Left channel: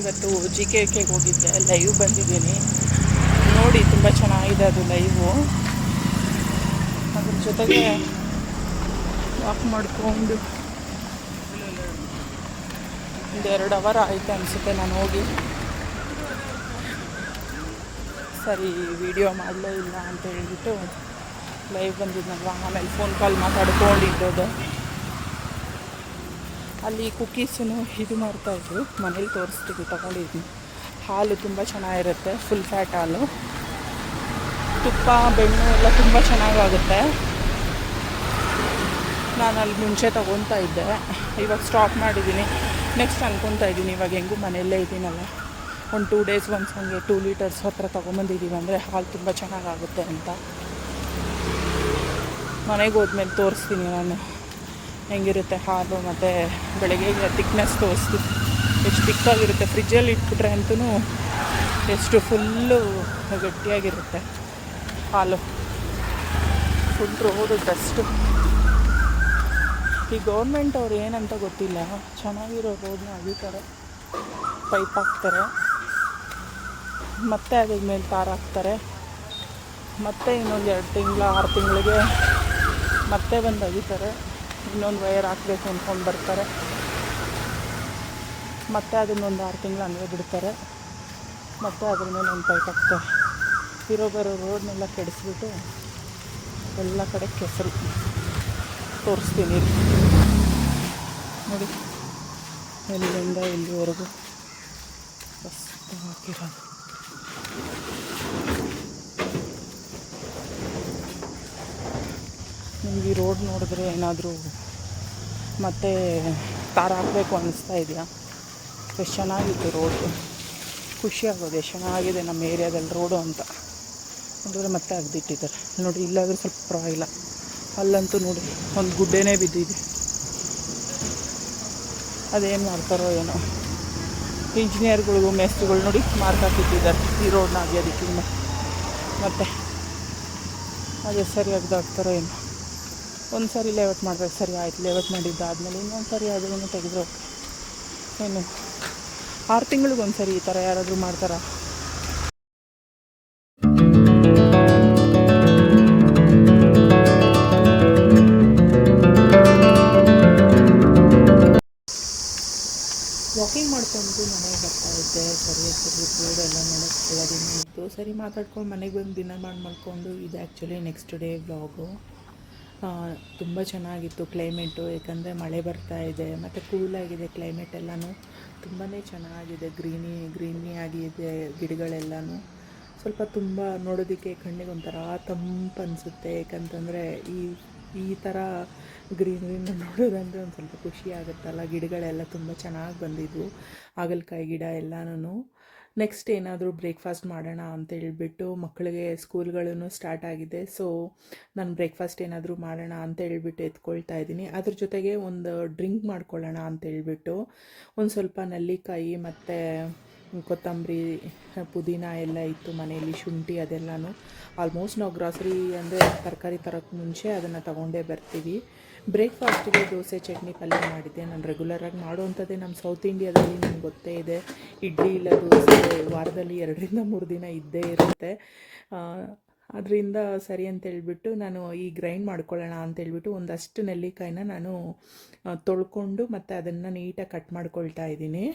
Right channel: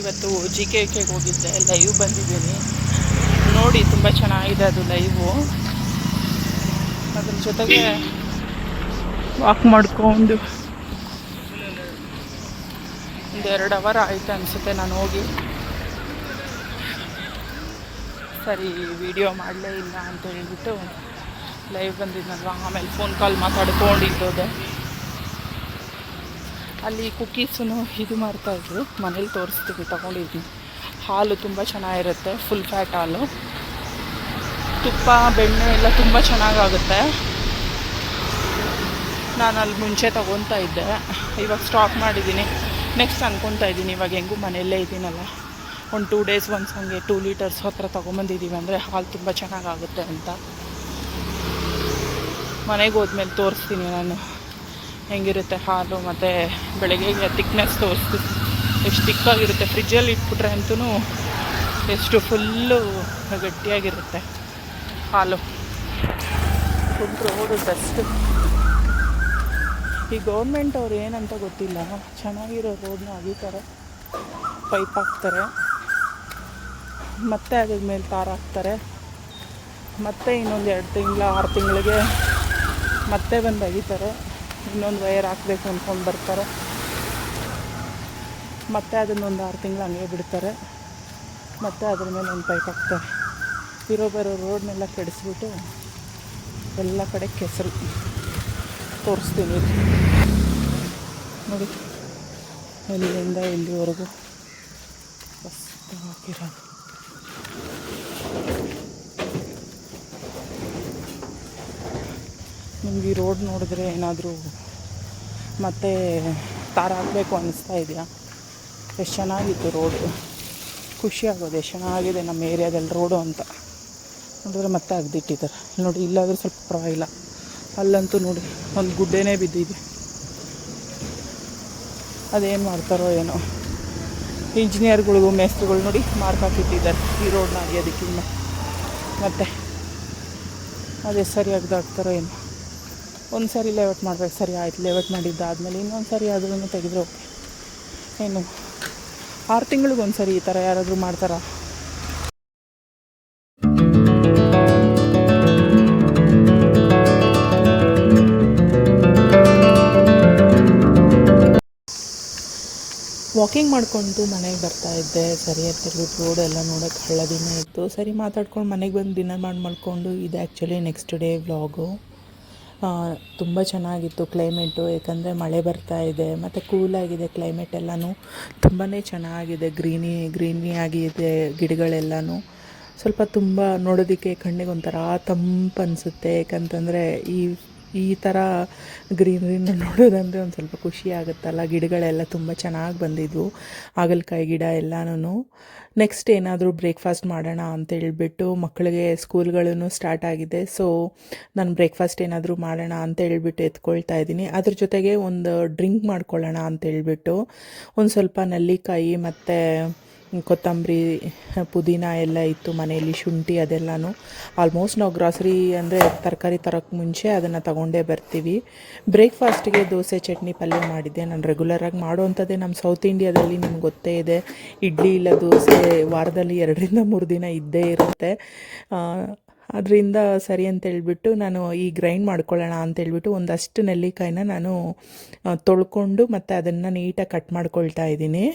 ಇವತ್ತು ಜಿಕೆಗೆ ಹೋಗಿದ್ದೆ, ಲೈವ್ ಬಂದಿದ್ದೀನಿ ನೋಡಿ, ತುಂಬ ಚೆನ್ನಾಗಿದೆ ಅದು ಲೈವು. ಅದ್ರ ಜೊತೆಗೆ ವಾಕ್ ಮಾಡಿಕೊಂಡು 1-2 ಅವರ್ ಆಯಿತು ಅನಿಸುತ್ತೆ ನಾನು ಹೋಗಿ. ಸರಿ ವಿಡಿಯೋ ಮಾಡಲೇ ಇಲ್ಲ ಅಂತ ಹೇಳ್ಬಿಟ್ಟು ಲೈವ್ ಬಂದಿದ್ನಲ್ವ, ಆಮೇಲೆ ಫೋನ್ ಕಾಲ್ ಮಾತಾಡ್ಕೊಂಡಿದ್ದೋದೆ. ಅಲ್ಲಿ ಕುಕ್ಕೀಸೂ ಇದು ಮಾಡ್ತಾಯಿದ್ರು, ಮನೇಲಿ ತೋರಿಸ್ತೀವಿ, ತೊಗೊಂಡಿದ್ದೀನಿ. ಹಾಲು ತುಂಬ ಚೆನ್ನಾಗಿರುತ್ತೆ, ಫುಲ್ ಫ್ಯಾಟ್ ಹಾಲು, ತುಪ್ಪ ಬೆಣ್ಣೆ ಎಲ್ಲ ತುಂಬ ಚೆನ್ನಾಗಾಗುತ್ತೆ. ನಾನು ಅಲ್ಲಿ ಮುಂಚೆ ತೊಗೊತಾ ಇದ್ದೆ, ಇವಾಗ ಸ್ಟಾಪ್ ಮಾಡಿದ್ದೀನಿ. ನೆಕ್ಸ್ಟ್ ಅನ್ಕೊತಾ ಇದ್ದೀನಿ, ಇವಾಗ ಹೆಂಗೂ ಮನೆಯಲ್ಲೇ ಇದ್ದೀನಲ್ಲ, ಒಂದು 2 ಡೇಸ್ ಒನ್ಸ್ ಹಂಗೆ 2 ಲೀಟರ್ಸ್ ಹತ್ರ ತೊಗೊಂಬಂದಿದ್ದೀವಿ ಅಂದರೆ ಹಾಲು ತುಂಬ ಚೆನ್ನಾಗಾಗುತ್ತೆ ಅಂತ. ಮನೆಗೆ ಹೋದ್ಮೇಲೆ ತೋರಿಸ್ತೀನಿ ನಾನು ಹೆಂಗಿರುತ್ತೆ ಹಾಲು, ಮತ್ತು ಬೆಳಗ್ಗೆ ತಿಕ್ನೆಸ್ ತೋರಿಸ್ತೀನಿ ಎಷ್ಟು ತಿಕ್ಕಾಗಿರುತ್ತೆ. ಫ್ರಿಜ್ಜಲ್ಲಿ ಇಟ್ಬಿಟ್ರೆ ಅಂತೂ ಎಷ್ಟು ಫುಲ್ಲು ಗಟ್ಟಿಯಾಗಿರುತ್ತೆ ಹಾಲು. Full road dust. ಈ ಗೌರ್ಮೆಂಟ್ ಅವ್ರು ಏನಂತ ಗೊತ್ತಿಲ್ಲ, ಚೆನ್ನಾಗಿರೋ ರೋಡನ್ನ ಅಗಿತಾರೆ, ಪೈಪ್ ಹಾಕ್ತಾರೆ, ಮತ್ತೆ ಅದ್ರ ಮೇಲೆ ತಾರ ಹಾಕ್ತಾರೆ, ಮತ್ತೆ ಇನ್ನೊಂದು 2 ತಿಂಗಳು 6 ತಿಂಗಳಿಗೆ ಮತ್ತೆ ಬಂದು ಅಗಿತಾರೆ, ಇನ್ನೊಂದು ವೈರ್ ಹಾಕಬೇಕು ಅಂದ್ಕೊಂಡು ಬರ್ತಾರೆ, ಮತ್ತೆ ಅದನ್ನೊಂದು 6 ತಿಂಗಳು ಹಂಗೆ ಬಿಡ್ತಾರೆ, ಮತ್ತೆ ಅದ್ರ ಮೇಲೆ ಒಂದು ಪೈಪ್ ಹಾಕ್ತಾರೆ. ಬರೋ ರೋಡ್ನೆಲ್ಲ ಕೆಡಿಸ್ಬಿಟ್ಟು ಎಲ್ಲ ಕಡೆ ಕೆಸರು. ತೋರಿಸ್ತೀನಿ ನೋಡಿ, ಎಲ್ಲಿಂದ ಇಲ್ಲಿವರೆಗೂ ಮಸ್ತ್ ಹಾಕಿರೋದು. ನಿಮ್ಗೆ ಈ ರೋಡ್ ನೋಡಿದ್ರೆ ಏನಾದರೂ ಮತ್ತೆ ತಾರ ಹಾಕಬೇಕು ಅನ್ನಿಸ್ತಾ ಇದೆಯಾ? ಎಷ್ಟು ಚೆನ್ನಾಗಿತ್ತು ರೋಡು, ಖುಷಿಯಾಗೋದು ಎಷ್ಟು ಚೆನ್ನಾಗಿದೆ ನಮ್ಮ ಏರಿಯಾದಲ್ಲಿ ರೋಡು ಅಂತ ನೋಡಿದ್ರೆ. ಮತ್ತೆ ಅಗ್ದಿಟ್ಟಿದ್ದಾರೆ ನೋಡಿ, ಇಲ್ಲಾದರೆ ಸ್ವಲ್ಪ ಪರವಾಗಿಲ್ಲ, ಅಲ್ಲಂತೂ ನೋಡಿ ಒಂದು ಗುಡ್ಡೆನೇ ಬಿದ್ದಿದೆ. ಅದೇನು ಮಾಡ್ತಾರೋ ಏನೋ, ಇಂಜಿನಿಯರ್ಗಳಿಗೂ ಮೇಸ್ತ್ರಿಗಳು ನೋಡಿ ಮಾರ್ಕ್ ಹಾಕಿಟ್ಟಿದ್ದಾರೆ ಈ ರೋಡ್ನ ಅಗಿಯೋದಕ್ಕಿಂತ. ಮತ್ತು ಅದು ಸರಿಯಾಗಿ ದಾಟ್ತಾರೋ ಏನೋ. ಒಂದು ಸಾರಿ ಲೇಔಟ್ ಮಾಡಬೇಕು, ಸರಿ ಆಯ್ತು, ಲೇಔಟ್ ಮಾಡಿದ್ದಾದಮೇಲೆ ಇನ್ನೊಂದು ಸಾರಿ ಅದನ್ನು ತೆಗೆದ್ರೆ ಏನು 6 ತಿಂಗಳಿಗೊಂದು ಸರಿ ಈ ಥರ ಯಾರಾದರೂ ಮಾಡ್ತಾರಾ? ವಾಕಿಂಗ್ ಮಾಡಿಕೊಂಡು ಮನೆಗೆ ಬರ್ತಾಯಿದ್ದೆ. ಸರಿ ಅಂತ ರೋಡ್ ಎಲ್ಲ ನೋಡೋಕ್ಕೆ ಹಳ್ಳದಿನ ಇತ್ತು. ಸರಿ ಮಾತಾಡ್ಕೊಂಡು ಮನೆಗೆ ಬಂದು ಡಿನ್ನರ್ ಮಾಡ್ಕೊಂಡು, ಇದು ಆ್ಯಕ್ಚುಲಿ ನೆಕ್ಸ್ಟ್ ಡೇ ವ್ಲಾಗು. ತುಂಬ ಚೆನ್ನಾಗಿತ್ತು ಕ್ಲೈಮೇಟು, ಏಕೆಂದರೆ ಮಳೆ ಬರ್ತಾ ಇದೆ ಮತ್ತು ಕೂಲಾಗಿದೆ ಕ್ಲೈಮೇಟ್ ಎಲ್ಲನೂ ತುಂಬಾ ಚೆನ್ನಾಗಿದೆ. ಗ್ರೀನಿ ಆಗಿದೆ ಗಿಡಗಳೆಲ್ಲನೂ. ಸ್ವಲ್ಪ ತುಂಬ ನೋಡೋದಕ್ಕೆ ಕಣ್ಣಿಗೆ ಒಂಥರ ತಂಪು ಅನಿಸುತ್ತೆ, ಏಕೆಂತಂದರೆ ಈ ಥರ ಗ್ರೀನರಿನ ನೋಡೋದಂದರೆ ಒಂದು ಸ್ವಲ್ಪ ಖುಷಿ ಆಗುತ್ತಲ್ಲ. ಗಿಡಗಳೆಲ್ಲ ತುಂಬ ಚೆನ್ನಾಗಿ ಬಂದಿದ್ವು, ಹಾಗಲಕಾಯಿ ಗಿಡ ಎಲ್ಲನೂ. ನೆಕ್ಸ್ಟ್ ಏನಾದರೂ ಬ್ರೇಕ್ಫಾಸ್ಟ್ ಮಾಡೋಣ ಅಂತೇಳ್ಬಿಟ್ಟು, ಮಕ್ಕಳಿಗೆ ಸ್ಕೂಲ್ಗಳೂ ಸ್ಟಾರ್ಟ್ ಆಗಿದೆ. ಸೊ ನಾನು ಬ್ರೇಕ್ಫಾಸ್ಟ್ ಏನಾದರೂ ಮಾಡೋಣ ಅಂತೇಳ್ಬಿಟ್ಟು ಎತ್ಕೊಳ್ತಾ ಇದ್ದೀನಿ. ಅದ್ರ ಜೊತೆಗೆ ಒಂದು ಡ್ರಿಂಕ್ ಮಾಡ್ಕೊಳ್ಳೋಣ ಅಂತೇಳ್ಬಿಟ್ಟು ಒಂದು ಸ್ವಲ್ಪ ನೆಲ್ಲಿಕಾಯಿ ಮತ್ತು ಕೊತ್ತಂಬರಿ, ಪುದೀನ ಎಲ್ಲ ಇತ್ತು ಮನೆಯಲ್ಲಿ, ಶುಂಠಿ ಅದೆಲ್ಲನೂ. ಆಲ್ಮೋಸ್ಟ್ ನಾವು ಗ್ರಾಸರಿ ಅಂದರೆ ತರಕಾರಿ ತರೋಕ್ಕೆ ಮುಂಚೆ ಅದನ್ನು ತಗೊಂಡೇ ಬರ್ತೀವಿ. ಬ್ರೇಕ್ಫಾಸ್ಟಿಗೆ ದೋಸೆ, ಚಟ್ನಿ, ಪಲ್ಯ ಮಾಡಿದ್ದೆ. ನಾನು ರೆಗ್ಯುಲರಾಗಿ ಮಾಡೋವಂಥದ್ದೇ. ನಮ್ಮ ಸೌತ್ ಇಂಡಿಯಾದಲ್ಲಿ ನಿಮ್ಗೆ ಗೊತ್ತೇ ಇದೆ, ಇಡ್ಲಿ ಇಲ್ಲ ದೋಸೆ ವಾರದಲ್ಲಿ 2-3 ದಿನ ಇದ್ದೇ ಇರುತ್ತೆ. ಅದರಿಂದ ಸರಿ ಅಂತೇಳ್ಬಿಟ್ಟು ನಾನು ಈ ಗ್ರೈಂಡ್ ಮಾಡ್ಕೊಳ್ಳೋಣ ಅಂತೇಳ್ಬಿಟ್ಟು ಒಂದಷ್ಟು ನೆಲ್ಲಿಕಾಯಿನ ನಾನು ತೊಳ್ಕೊಂಡು ಮತ್ತು ಅದನ್ನು ನೀಟಾಗಿ ಕಟ್ ಮಾಡ್ಕೊಳ್ತಾ ಇದ್ದೀನಿ.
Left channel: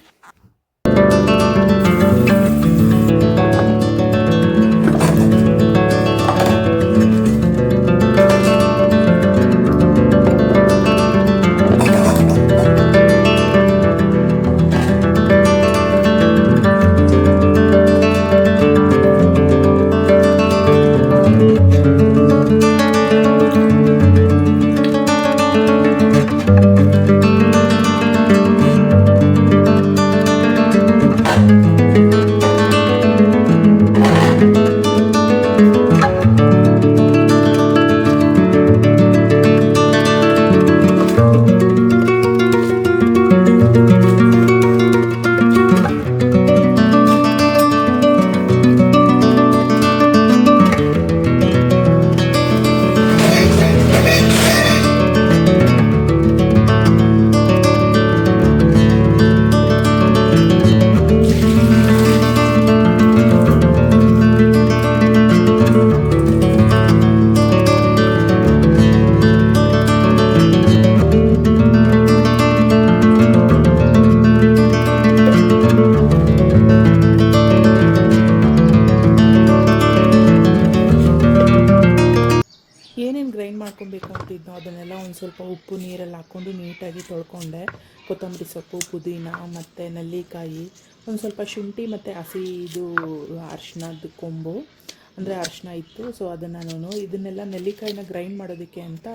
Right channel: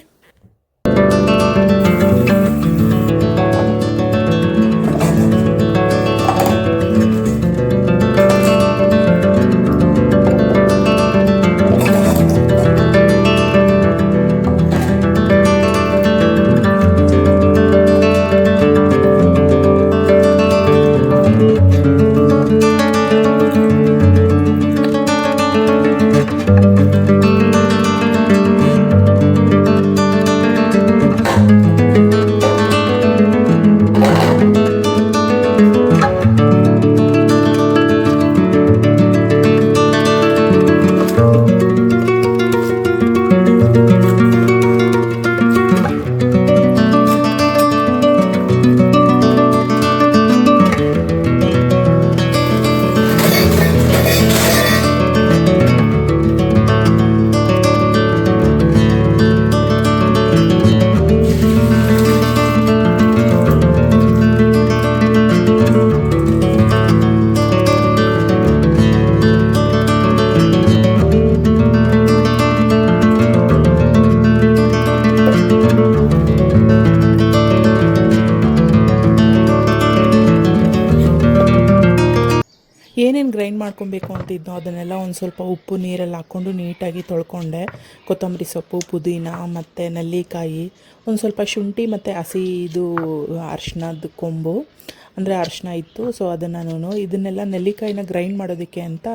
ಇಟ್ಕೊಂಡಿದ್ನೋ ಅದನ್ನೆಲ್ಲ ಒಂದು ಸ್ವಲ್ಪ ಉಪ್ಪು ನೀರಲ್ಲಿ ಹಾಕ್ಕೊಂಡು ನೀಟಾಗಿ ತೊಳ್ಕೊಂಡೆ. ಕೊತ್ತಂಬರಿ ಸೊಪ್ಪು, ಪುದೀನ ಮತ್ತು ನೆಲ್ಲಿಕಾಯಿ, ಒಂದು ಸ್ವಲ್ಪ ಶುಂಠಿ ಮತ್ತು ಹಸಿ ಇದು ಅರಿಶಿಣದ ಕೊಂಬು ಅಂದರೆ ಅರಿಶಿನ ಇತ್ತು. ಸೊ ಅದನ್ನು ಇದನ್ನೆಲ್ಲ ನೆಲ್ಲಿಕಾಯಿನ ಗ್ರೈಂಡ್ ಮಾಡೋದಕ್ಕೆ ಅಂತ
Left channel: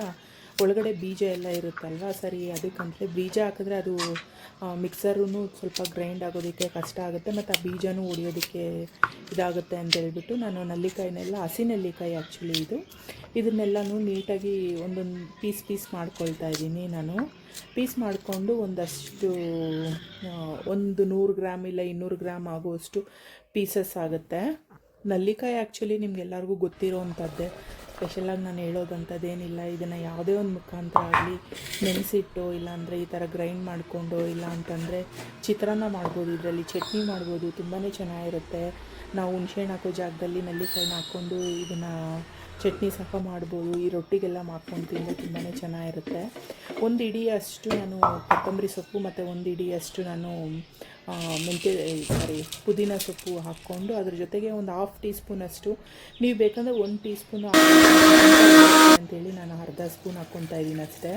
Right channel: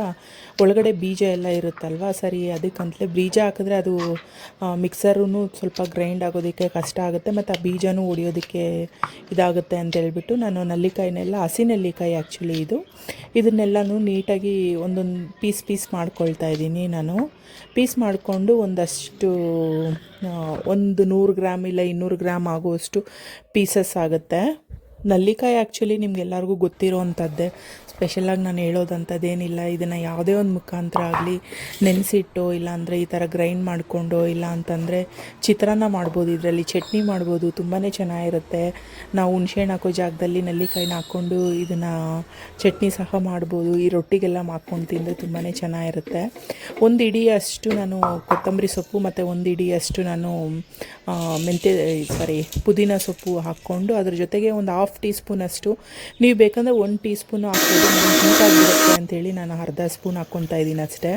ಒಳಗಡೆ ಬೀಜ ಎಲ್ಲ ಇರುತ್ತಲ್ವ, ಸರಿ ಅದಕ್ಕಂತಲೇ ಬೀಜ ಹಾಕಿದ್ರೆ ಅದು ಮಿಕ್ಸರೂ ಸ್ವಲ್ಪ ಗ್ರೈಂಡ್ ಆಗೋದಕ್ಕೆ ಕಷ್ಟ ಆಗುತ್ತೆ ಮತ್ತು ಆ ಬೀಜನೂ ಹೊಡಿಯೋದಕ್ಕೆ ಇದಾಗುತ್ತೆ ಅಂತ ಹೇಳ್ಬಿಟ್ಟು ನಾನು ನೆಲ್ಲಿಕಾಯಿನೆಲ್ಲ, ಹಸಿ ನೆಲ್ಲಿಕಾಯಿ ಆ್ಯಕ್ಚುಲಿ ಇದನ್ನೆಲ್ಲನೂ ನೀಟಾಗಿ ಒಂದೊಂದು ಪೀಸ್ ಮಾಡ್ಕೊಳ್ತಾ ಇದ್ದೀನಿ. ನಾನು ಪೀಸ್ ಮಾಡಿಕೊಂಡು ಒಂದಷ್ಟು ಒಂದು 100 ಗ್ರಾಮ್ ಇಲ್ಲ 200 ಗ್ರಾಮ್ ಆಗುವಷ್ಟು ಪೀಸಸ್ ಆಗುತ್ತೆ. ನೆಲ್ಲಿಕಾಯಿ ಆ್ಯಕ್ಚುಲಿ ನಿಮ್ಗೆಲ್ಲರಿಗೂ ಗೊತ್ತಿರೋವಂಥದ್ದೇ, ಸ್ಪೆಷಲಾಗಿ ನಾನು ಹೇಳೋದಂಥದ್ದೇನಿಲ್ಲ. ಇದನ್ನು ಯಾವುದೇ ಒಂದು ಮುಖಾಂತರ ಆಗಲಿ ನೆನೆಸಿಟ್ಟು, ಇಲ್ಲಾಂದರೆ ಈ ಥರ ಗ್ರೈಂಡ್ ಮಾಡಿಕೊಂಡು, ಇಲ್ಲ ಅಂತಂದರೆ ಚಿತ್ರಾನ್ನ ಮಾಡ್ಬೋದು, ಇದರಲ್ಲಿ ಚಟ್ನಿ ಮಾಡ್ಬೋದು, ತುಂಬಾ ಚೆನ್ನಾಗಿರುತ್ತೆ. ನಾವು ಹುಣ್ಸೆಹಣ್ಣು ಹಾಕೋ ಜಾಗದಲ್ಲಿ ನೆಲ್ಲಿಕಾಯಿನ ಹಾಕ್ಕೊಂಡು ಇದನ್ನು ಚಟ್ನಿ ಸಹ ಮಾಡ್ಬೋದು. ಈ ರೊಟ್ಟಿಗೆಲ್ಲ ಮಾಡ್ಕೊಂಡು ತಿಂದರೆ ತುಂಬಾ ಚೆನ್ನಾಗಿರುತ್ತೆ. ಒಂದು ಇಡಿಯಷ್ಟು ನಾನು ಕೊತ್ತಂಬರಿ ಸೊಪ್ಪು ಮತ್ತು ಒಂದು ಇಡಿಯಷ್ಟು ನಾನು ಪುದೀನ ಸೊಪ್ಪು ಹಾಕ್ಕೊಂಡು ಅದ್ರ ಜೊತೆಗೆ ಒಂದು 1/2 ಟೀ ಸ್ಪೂನಷ್ಟು, ನೀವು ಬೇಕಂದರೆ 1 ಟೀ ಸ್ಪೂನು ಹಾಕ್ಕೊಂಡು ಅಂತೇಳಿ ನಾನು ಅರ್ಧ ಸ್ಪೂನ್ ಹಾಕ್ಕೊತಾ ಇದ್ದೀನಿ ಅಷ್ಟೇ.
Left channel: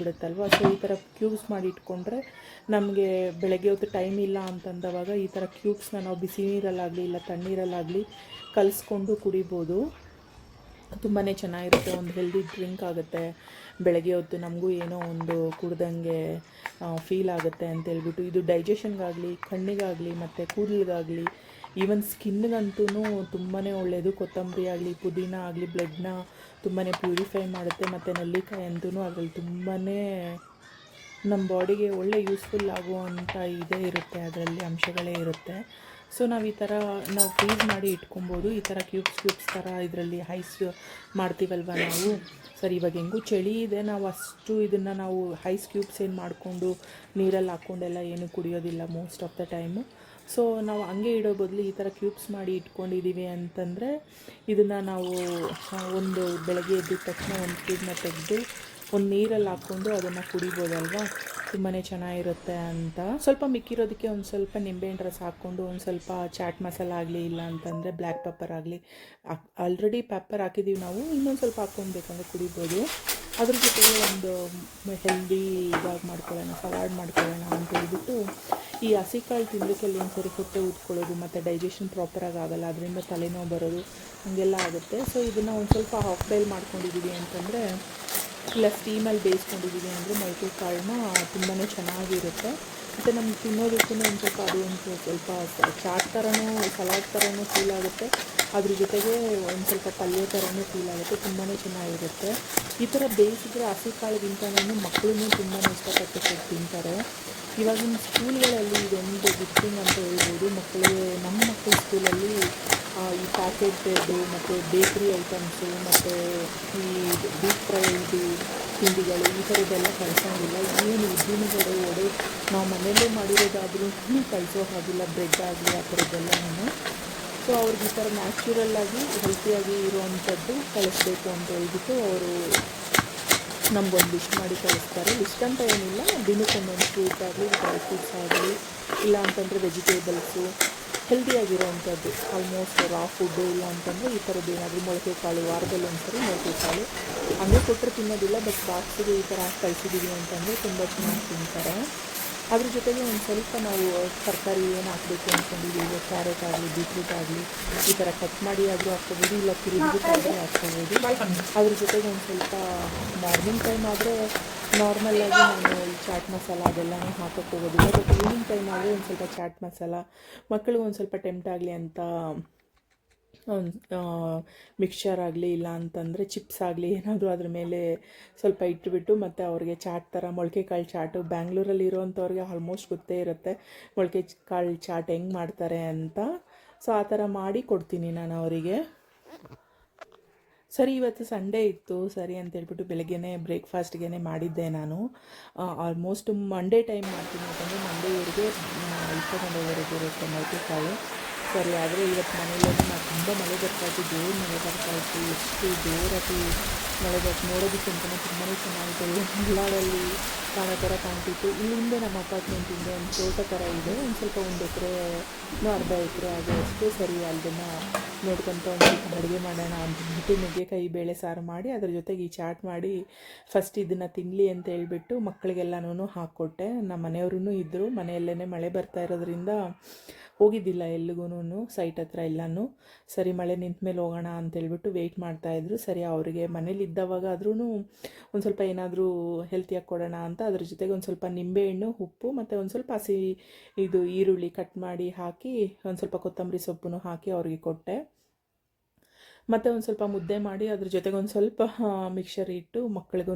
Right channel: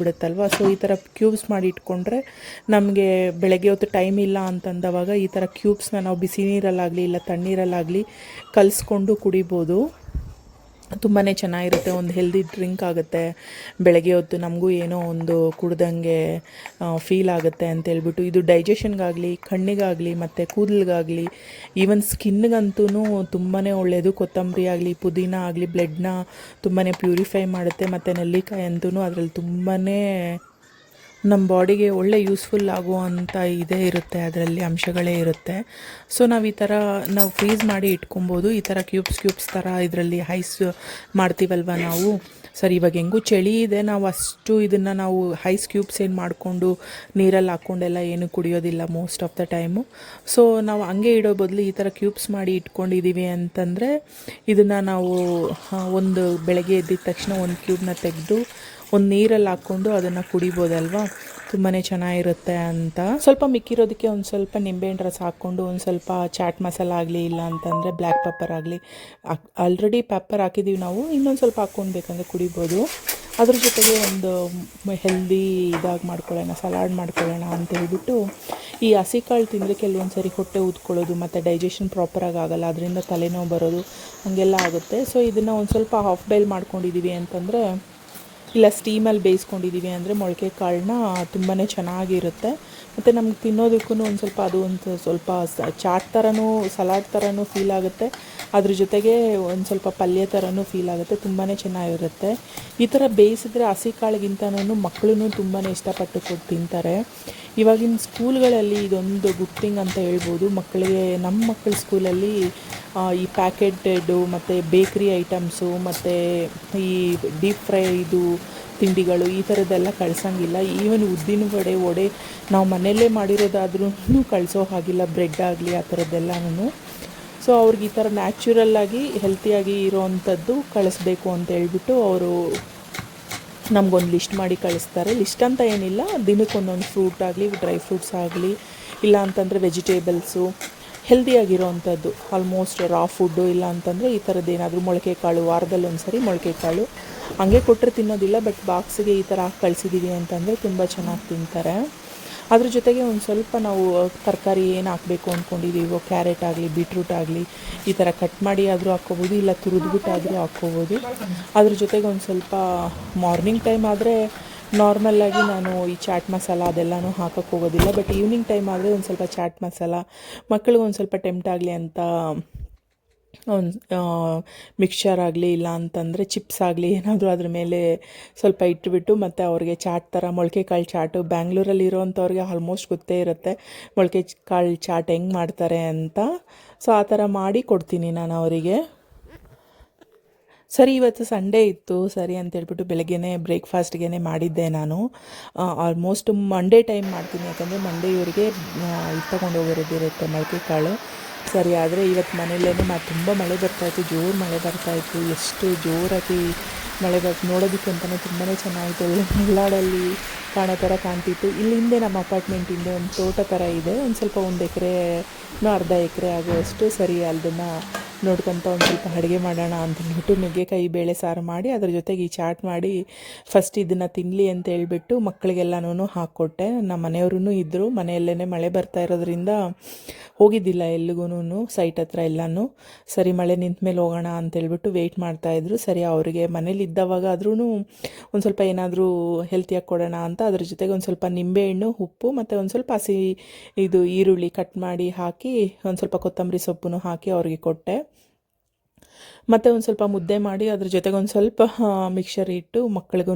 ಬಿಡುತ್ತಲ್ವ. ಸೊ ಈ ಥರ ಕ್ಯೂಬ್ಸ್ ಮಾಡಿ ಇಟ್ಕೊಂಡ್ರೆ ನಮಗೆ ಬೆಳಗ್ಗೆ ಹೊತ್ತು ಟೈಮ್ ಇಲ್ಲ ಅಂತಂದವಾಗ ಈ ಥರ ಕ್ಯೂಬ್ಸ್ನ ನಾವು ಬಿಸಿ ನೀರಲ್ಲಾಗಲಿ ಇಲ್ಲ ತಣ್ಣೀರಲ್ಲಾಗಲಿ ಕಲಿಸ್ಕೊಂಡು ಕುಡಿಬೋದು. ತುಂಬಾ ಚೆನ್ನಾಗಿರುತ್ತೆ. ಒಂದು ಹೆಲ್ದಿ ಡ್ರಿಂಕ್ ಆಗುತ್ತೆ. ಬೆಳಗ್ಗೆ ಹೊತ್ತು ನಮಗೂ ಏನೋ ಒಂದು ಕುಡ್ದಂಗೆ ಫೀಲ್ ಆಗುತ್ತೆ ಅಂತೇಳ್ಬಿಟ್ಟು. ಇದು ಡೈಜೆಷನ್ಗಾಗಲಿ, ಕಣ್ಣಿಗಾಗಲಿ ಮತ್ತು ಕೂದಲಿಗಾಗಲಿ, ಈವನ್ ಸ್ಕಿನ್ಗಂತೂ ತುಂಬಾ ಒಳ್ಳೆಯದು. ಕೊತ್ತಂಬರಿ ಆಗಲಿ, ಪುದೀನ ಆಗಲಿ ಬ್ಲಡ್ನ ತುಂಬಾ ಪ್ಯೂರಿಫೈ ಮಾಡುತ್ತೆ. ಮತ್ತು ನೆಲ್ಲಿಕಾಯಿ ಅಂತೂ ಅದರಲ್ಲಿ ತುಂಬಾ ನಮ್ಮ ಬಾಡಿಗೆ ಒಳ್ಳೆ ಯೂಸ್ಫುಲ್ ಆಗುವಂಥ ಇದೇ ಇರುತ್ತೆ, ಅದರಲ್ಲಿ ಅಂಶಗಳೇ ಇರುತ್ತೆ. ಸೊ ನಾವು ಈ ಥರ ನಾವು ಫ್ರೀಸ್ ಮಾಡಿ ಇಟ್ಕೊಬೋದು. ಈ ಥರ ಕ್ಯೂಬ್ಸ್ ಥರ ಇದರಲ್ಲಿ ಐಸ್ ಮಾಡ್ತೀವಲ್ವ ನಾವು. ಸರಿ, ಇವಾಗ ಹೆಂಗೂ ಚಳಿ ಇದೆ, ನಾವು ಅಷ್ಟು ಇದನ್ನು ನಾವು ಐಸ್ ಕ್ಯೂಬ್ಸ್ ಏನು ಮಾಡಿಕೊಂಡು ನೀರಲ್ಲಿ ಹಾಕ್ಕೊಂಡೆಲ್ಲ ಏನು ಕುಡಿಯೋದಿಲ್ಲ most of the time. So ನಾವು ಹಂಗೆ ಇಡೋ ಬದಲು ಈ ಥರ ಕ್ಯೂಬ್ಸ್ ಮಾಡಿ ಇಟ್ಕೊಂಡಿದ್ದೀವಿ ಅಂತಂದರೆ ಇದನ್ನು ನಾವು ಒಂದು ಬೆಳಗ್ಗೆ ಎದ್ದಿದ ತಕ್ಷಣ ಒಂದು ಕ್ಯೂಬ್ನ ತೆಗೆದು ಒಂದು ನೀರಲ್ಲಿ ಹಾಕ್ಕೊಂಡು ಅದನ್ನು ಕುಡಿಬೋದಲ್ವ, ತುಂಬಾ ಚೆನ್ನಾಗಿರುತ್ತೆ ಅಂತ. ಸ್ವಲ್ಪ ಮಿಕ್ಕಿರೋದಕ್ಕೆ ಒಂದು ಸ್ವಲ್ಪ ನಿಂಬೆಹಣ್ಣು ರಸ ಹಾಕ್ಕೊಂಡು ಒಂದು ಸ್ವಲ್ಪ ಚಾಟ್ ಮಸಾಲ ಆಗಲಿ, ಇಲ್ಲ ಅಂತಂದರೆ ಬ್ಲ್ಯಾಕ್ ಪೆಪ್ಪರ್ ಆಗಲಿ, ಆಲ್ರೆಡಿ ಪೆಪ್ಪರ್ ಹಾಕಿದ್ದೀವಿ ನಾವು, ಇನ್ನೊಂದು ಸ್ವಲ್ಪ ಹಾಕ್ಕೊಂಡು ಬೇಕಂದರೆ ಕುಡಿಬೋದು. ಅದ್ರ ಜೊತೆಗೆ ಒಂದು ಹೆಲ್ದಿ ಇದಾಗಿ ಮಾಡ್ಕೊಳ್ಳೋಣ, ಸಲಾಡ್ ಮಾಡ್ಕೊಳ್ಳೋಣ ಅಂತ ಹೇಳ್ಬಿಟ್ಟು. ಈ ಹಸಿ ಕಾಳು ತಿಂದರೆ ಕೆಲವೊಂದು ಸರಿ ಹೊಟ್ಟೆ ಊದ್ಕೊಳ್ಳೋದು ಮತ್ತು ಡೈಜೆಷನ್ ಪ್ರಾಪರಾಗಿ ಆಗೋಲ್ಲ, ಅದರಿಂದ ತಲೆನೋವು ಬರೋದು ಹಾಗೆಲ್ಲ ಆಗುತ್ತೆ. ಸೊ ಇದನ್ನು ಒಂದು ಸ್ವಲ್ಪ ಹಾಫ್ ಬಾಯ್ಲ್ ಮಾಡ್ಕೊಂಡಿದ್ದೀವಿ ಅಂತಂದರೆ, ಇಲ್ಲ ಸ್ಟೀಮಲ್ಲಿ ಬೇಯಿಸ್ಕೊಂಡಿದ್ದೀವಿ ಅಂದರೆ ಮೊಳಕೆ ಕಾಳನ್ನ ತುಂಬಾ ಚೆನ್ನಾಗಿರುತ್ತೆ. ಮತ್ತು ನಮ್ಗೆ ತಿನ್ನೋದಕ್ಕೂ ಒಂದು ಸ್ವಲ್ಪ ಅದು ಒಂದು ಸ್ವಲ್ಪ ಚಾಟ್ ಥರನೂ ಸಲಾಡ್ ಥರನೂ ಫೀಲ್ ಆಗುತ್ತೆ. ಅದ್ರ ಜೊತೆಗೆ ಒಂದು ಸ್ವಲ್ಪ ಪಲ್ಯ ಥರನೂ ಫೀಲ್ ಆಗುತ್ತೆ, ತುಂಬಾ ಚೆನ್ನಾಗಿರುತ್ತೆ. ಈ ಥರ ಬೇಯಿಸಿದ್ರೆ ಹಸಿ ಕಾಳಿಗಿಂತನೂ ಮಕ್ಕಳು ತುಂಬಾ ಇಷ್ಟಪಟ್ಟು ತಿಂತಾರೆ. ಇವಾಗಿನ ಸ್ಕೂಲ್ಗಳಲ್ಲಿ ಇದೊಂದು ಗುಡ್ ಥಿಂಗ್ ಅಂತ ಹೇಳ್ಬೋದು. ಮಕ್ಕಳಿಗೆ, ನಮ್ಮ ಮಕ್ಕಳ ಸ್ಕೂಲಲ್ಲಿ ಈ ಪ್ಯಾಕೆಟೆಡು ಮತ್ತು ಬೇಕ್ರಿ ಐಟಮ್ಸು ಮತ್ತು ಈ ಡೀಪ್ ಫ್ರೈ ತಿಂಡಿಗಳು ಈ ಥರದ್ದೆಲ್ಲ ಕಳ್ಸೋಂಗಿಲ್ಲ. ಈವನ್ ಉದ್ದಿನ ವಡೆ ನಾವು ಮನೆಯಲ್ಲೇ ಮಾಡಿರೋದಾದ್ರೂ ಕಳಿಸೋ ಹಾಗಿಲ್ಲ, ಬ್ರೆಡ್ ಆಗಲಿ ಆ ಥರದ್ದೆಲ್ಲನೂ. ಸೊ ಅವ್ರಿಗೆ ಈ ಥರ ನ್ಯಾಚುರಲ್ಲಾಗಿ ಹೆಲ್ತಿಯಾಗಿ ಇರೋವಂಥದ್ದು ಕಳಿಸ್ಬೇಕು ಅಂತ ಹೇಳ್ಬಿಟ್ಟು ಅವರು ನಮಗೊಂದು ಲಿಸ್ಟ್ ಮಾಡಿ ಕಳಿಸ್ತಾರೆ. ಲಿಸ್ಟ್ ಅಂತ ಏನಿಲ್ಲ, ದಿನಕ್ಕೊಂದೊಂದು ಫ್ರೂಟ್ ಆಗಲಿ, ಡ್ರೈ ಫ್ರೂಟ್ಸ್ ಆಗಲಿ, ಇಲ್ಲ ಅಂತಂದರೆ ವೆಜಿಟೇಬಲ್ಸು ಹೆಲ್ದಿಯಾಗಿರೋವಂಥದ್ದು, ಆಲ್ಮೋಸ್ಟ್ ರಾ ಫುಡ್ಡು, ಇಲ್ಲ ಅಂತಂದರೆ ಈ ಥರದ್ದು ಏನಾದರೂ ಮೊಳಕೆ ಕಾಳು, ವಾರದಲ್ಲಿ ಒಂದು ಸರಿ ಮೊಳಕೆ ಕಾಳು ಹಂಗೆ ಕೊಟ್ಟರೆ ತಿನ್ನೋದಿಲ್ಲ. ಬಟ್ ಬಾಕ್ಸಿಗೆ ಈ ಥರ ಹಾಕಿ ಕಳಿಸಿದ್ದೀವಿ ಅಂತಂದರೆ ತುಂಬ ಚೆನ್ನಾಗಿ ತಿಂತಾರೆ. ಅದ್ರ ಜೊತೆಗೆ ಒಂದು ಸ್ವಲ್ಪ ನಾವು ತರಕಾರಿ ಏನು ಹಾಕಬೇಕು ಅಂದ್ಕೊಂಡಿದ್ದೀವೋ, ಕ್ಯಾರೆಟ್ ಆಗಲಿ, ಬೀಟ್ರೂಟ್ ಆಗಲಿ, ಈ ಥರ ಕಟ್ ಮಾಡಿ ಆದರೂ ಹಾಕ್ಕೋಬೋದು, ಇಲ್ಲ ತುರಿದ್ಬಿಟ್ಟಾದರೂ ಹಾಕ್ಕೋಬೋದು. ಅದ್ರ ಜೊತೆಗೆ ಒಂದು ಸ್ವಲ್ಪ ಮಾರ್ನಿಂಗ್ ಟೈಮ್ ಆದರೆ ನಾರ್ಮಲ್ಲಾಗಿ ನಾನು ಈ ಚಾಟ್ ಮಸಾಲ ಅದೆಲ್ಲನೂ ಹಾಕೋಕ್ಕೆ ಹೋಗೋದಿಲ್ಲ. ಬಟ್ ಈವ್ನಿಂಗ್ ಟೈಮ್ ಆದರೆ ಒಂದು ಸ್ವಲ್ಪ ಚಾಟ್ ಮಸಾಲ ಮಕ್ಕಳಿಗೆ ಒಂದು ಸ್ವಲ್ಪ ಟೆಂಪ್ಟ್ ಆಗಲಿ ಅಂತ ಒಂದು ಮಿಕ್ಸ್ಚರ್ ಆಗಲಿ, ಇಲ್ಲ ಅಂತಂದರೆ ಚಿಪ್ಸ್ ಆಗಲಿ ಏನಾದರೂ ಅದ್ರ ಮೇಲೆ ಸ್ವಲ್ಪ ಇಟ್ಬಿಟ್ಟು, ಮತ್ತು ಅವ್ರಿಗೆ ಚಾಟ್ ಥರ ಮೊಳಕೆ ಕಾಳು ಚಾಟು, ಬ್ಯಾಂಗ್ಳೂರಲ್ಲಿ ಇರೋವಂಥವ್ರಿಗೆ ಆಲ್ಮೋಸ್ಟ್ ಗೊತ್ತೇ ಇರುತ್ತೆ ಮೊಳಕೆ ಕಾಳು ಚಾಟ್ ಹೆಂಗೆ ಮಾಡ್ತಾರೆ ಅಂತ. ಸೊ ಆ ಥರ ಮಾಡಿ ಕೊಡ್ತೀನಿ ನಾನು ಅವರಿಗೆ. ಸರಿ, ಇವತ್ತು ಸಂಡೇ ಇತ್ತು, ಸರಿ ಅಂತೇಳ್ಬಿಟ್ಟು ಬೆಳಗ್ಗೆನೇ ಬ್ರೇಕ್ಫಾಸ್ಟ್ಗೆ ಮಾಡಿದ್ದೆ ನಾನು. ಆಲ್ಮೋಸ್ಟ್ ಮಂಡೇ ಟೈಮ್ ಮಾಡ್ತೀನಿ, ಯಾಕಂದರೆ ಮಂಡೇ ಇವರಿಗೆ ಇಟ್ಕೊಂಡು ಹೋಗಿರೋದಿರುತ್ತೆ ಮೊಳಕೆ ಕಾಳು. ಸರಿ, ಆದರೆ ಇವತ್ತು ಮನೆಯಲ್ಲೇ ತುಂಬ ಮಳೆ ಬರ್ತಾಯಿತ್ತು, ಜೋರು ಮಳೆ ಬರ್ತಾಯಿತ್ತು. ಎಷ್ಟು ಜೋರಾಗಿ ಮಳೆ ನೋಡೋದಕ್ಕೆ ಅಂತಲೇ ತುಂಬಾ ಚೆನ್ನಾಗಿತ್ತು. ಒಳ್ಳೆ ಮಲೆನಾಡಲ್ಲಿ ಕಾಣೋ ಥರ ಕಾಣ್ತಿತ್ತು. ಇಲ್ಲಿ ಹಿಂದೆ ನಮ್ಮ ಅಪಾರ್ಟ್ಮೆಂಟ್ ಹಿಂದೆ ಒಂದು ತೋಟ ಥರ ಇದೆ. ಒಂದು ಸ್ವಲ್ಪ 1 ಎಕರೆನೋ ಅರ್ಧ ಎಕರೆ ಆಗುವಷ್ಟು. ಸರಿ ಅದನ್ನು ನೋಡ್ಕೊತ ಒಂದು ಸ್ವಲ್ಪ ಅಡುಗೆ ಮಾಡೋಣ ಅಂತಂದ್ಬಿಟ್ಟು ನುಗ್ಗೆಕಾಯಿ ಬೇಳೆ ಸಾರು ಮಾಡಿ ಅದ್ರ ಜೊತೆಗೆ ಈ ಚಾಟ್ ಮಾಡಿ ಫಸ್ಟ್ ಇದನ್ನು ತಿನ್ನಲಿ ಅಂತ ಹೇಳ್ಬಿಟ್ಟು ಮಕ್ಕಳಿಗೆಲ್ಲನೂ ಹಾಕ್ಕೊಟ್ಟೆ. ನಮ್ಮ ಮನೆಯವ್ರೂ ಇದ್ದರು. ಮನೆಯಲ್ಲೇ ಮಳೆ ಬರ್ತಾ ಇರೋದ್ರಿಂದ ಹೋಗಿದ್ದಿಲ್ಲ ಎಲ್ಲಿಗೂ ಸೈಟ್ ಹತ್ರ ಎಲ್ಲನೂ. ಸರಿ ಮಳೆ ನಿಂತ ಮೇಲೆ ಹೋಗೋಣ ಅಂತೇಳ್ಬಿಟ್ಟು ವೆಯ್ಟ್ ಮಾಡ್ತಾಯಿದ್ರು. ಸರಿ ಅವರಿಗೆ ಮನೇಲಿ ಇದ್ದವಾಗ ಆದ್ರೂ ಒಂದು ಸ್ವಲ್ಪ ಏನಾದರೂ ಹೆಲ್ತಿಯಾಗಿ ಕೊಡೋಣ ಅಂತ ಅದ್ರ ಜೊತೆಗೆ ಒಂದು ಸ್ವಲ್ಪ ನಿಂಬೆಹಣ್ಣು, ಉಪ್ಪು ಮತ್ತು ಒಂದು ಸ್ವಲ್ಪ ಇದು ಈರುಳ್ಳಿ ಕಟ್ ಮಾಡಿ ಹಾಕಿ ಒಂದು ಸ್ವಲ್ಪ ಕೊತ್ತಂಬರಿ ಸೊಪ್ಪು ಹಾಕಿ ಅವ್ರಿಗೆ ಕೊಟ್ಟೆ. ಮತ್ತು ಒಂದು ಸ್ವಲ್ಪ ಮುದ್ದೆ ಮಾಡಿ ಅದ್ರ ಜೊತೆಗೆ ಒಂದು ಸ್ವಲ್ಪ ಮಿಕ್ಸರ್ ಇಟ್ಟು ಮಕ್ಳಿಗೂ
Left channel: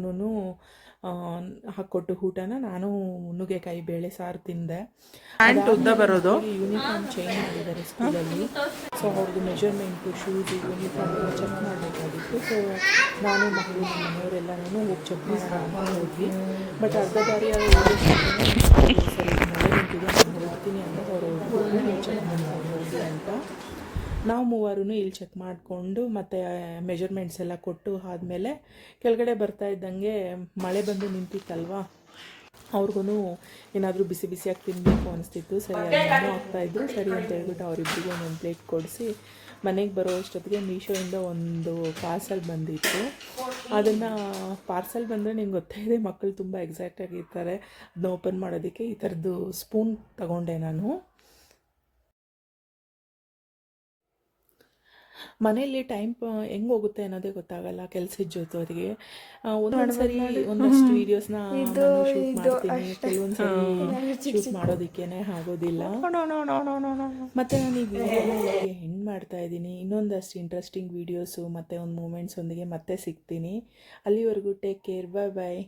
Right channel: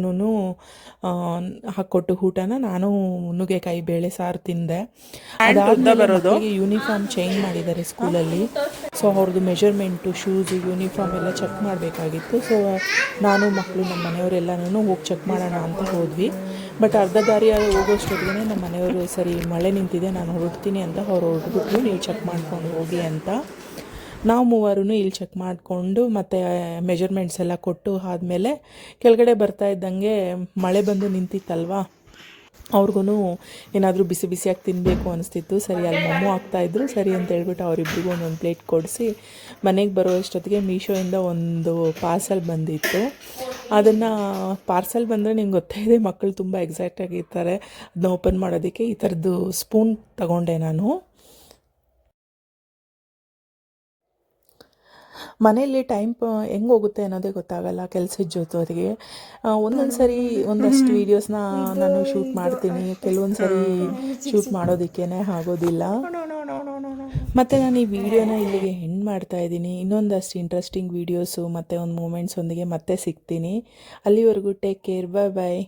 ಹಾಕ್ಕೊಟ್ಟು ಊಟನ ನಾನು ನುಗ್ಗೆಕಾಯಿ ಬೇಳೆ ಸಾರು ತಿಂದೆ. ಬರೋದು ಯೂನಿಫಾರ್ಮ್ ಚೇಂಜ್ ಮಾಡಿದ್ದಾರೆ ಸ್ಕೂಲಲ್ಲಿ. ಸೊ ಅವ್ರದ್ದು ಮೆಜರ್ಮೆಂಟು, ಶೂಸು, ಯೂನಿಫಾರ್ಮ್ ಎಲ್ಲ ಚೆಕ್ ಮಾಡಬೇಕಾಗಿತ್ತು. ಸೊ ನಾನು ಮಕ್ಕಳು ನಮ್ಮ ಮನೆಯವರೆಲ್ಲನೂ ಹೋಗಿ ಚೆಕ್ ಮಾಡೋಣ ಅಂತ ಹೋದ್ವಿ. ಬಟ್ ಅರ್ಧ ದಾರಿ ಹೋಗೋಷ್ಟಿಗೆ ನಮ್ಮ ಮನೆಯವರು ಸರಿ ಮಳೆ ನಿಂತಿದೆ ನಾನು ಹೊರಡ್ತೀನಿ ಅಂತ ಅವ್ರು ಹೊರಡ್ಬಿಟ್ಟು ನೀವು ಚೆಕ್ ಮಾಡ್ಕೊಂಡು ಹೋಗಿ ಅಂತ. ನಾವು ಮೂವರೂ ಇಲ್ಲಿ ಚೆಕ್ ಮಾಡಿಕೊಂಡು ಮತ್ತು ಮೆಜರ್ಮೆಂಟ್ಸ್ ಎಲ್ಲ ಕೊಟ್ಟು ಆದಮೇಲೆ ಕೆಳಗಡೆ ಬರ್ತಾ ಇದ್ದಂಗೆ ಮಳೆ ಬಂದು ನಿಂತಿತ್ತಲ್ವ, ಅವ್ರಿಗೂ ಏನಾದರೂ ಬಿಸಿ ಬಿಸಿಯಾಗಿ ತಿನ್ನಬೇಕು ಅನಿಸ್ತಿತ್ತು. ಸರಿ ಅಲ್ಲಿ ಮೊಮ್ಮು ಆಗ್ತಾಯಿದ್ರು. ಸರಿ ಅಂತ ಹೇಳ್ಬಿಟ್ಟು ಅವರಿಬ್ಬರಿಗೂ ಒಂದೊಂದು ಪ್ಲೇಟ್ ಕೊಡಿಸಿ ಮನೆಗೆ ಬರೋ ಅಷ್ಟೊತ್ತಿಗೆ ಮೀಶೋಯಿಂದ ಒಂದು ಪಾರ್ಸಲ್ ಬಂದಿತ್ತು. ಅದನ್ನು ಪಾರ್ಸಲ್ ಬಂದರೆ ನಿಮ್ಗೆ ಗೊತ್ತೇ ಇದೆ, ಮಕ್ಕಳು ತುಂಬ ಎಕ್ಸೈಟ್ ಆಗಿರ್ತಾರೆ ಅದನ್ನ ಓಪನ್ ಮಾಡೋದಕ್ಕೆ. ಈ ಥರದ್ದು ಸ್ಪೂನ್ ತಗೊಂಡೆ ನಾನು. ಮನೆಯಲ್ಲಿ ಟೈಮ್ ಹೆಂಗೆ ಹೋಗುತ್ತೆ ಅನ್ನೋದೇ ಗೊತ್ತಾಗಲ್ಲ ಕೆಲಸದ ಜೊತೆಗೆ. ಒಂದೊಂದು ಸರಿ ಒಂದಷ್ಟು ವೀಡಿಯೋಸ್ನ ನಾನು ಶೂಟ್ ಮಾಡ್ತೀನಿ, ಕೆಲವೊಂದು ಸರಿ ಶೂಟ್ ಮಾಡೋದಕ್ಕೇ ಆಗೋದಿಲ್ಲ. ಮತ್ತು ನಾನು ಈ ವಿಡಿಯೋನ ಇಲ್ಲಿಗೆ ಎಂಡ್ ಮಾಡ್ತಾ ಇದ್ದೀನಿ. ಇನ್ನೊಂದಷ್ಟು ಇಂಟ್ರೆಸ್ಟಿಂಗ್ ವೀಡಿಯೋಸು ಮತ್ತು ಒಂದು ಮೂಮೆಂಟ್ಸ್ ಒಂದಿಗೆ ಮತ್ತೆ ಸಿಗ್ತೀನಿ. ಅಲ್ಲಿವರೆಗೂ ಟೇಕ್ ಕೇರ್, ಬಾಯ್ ಬಾಯ್.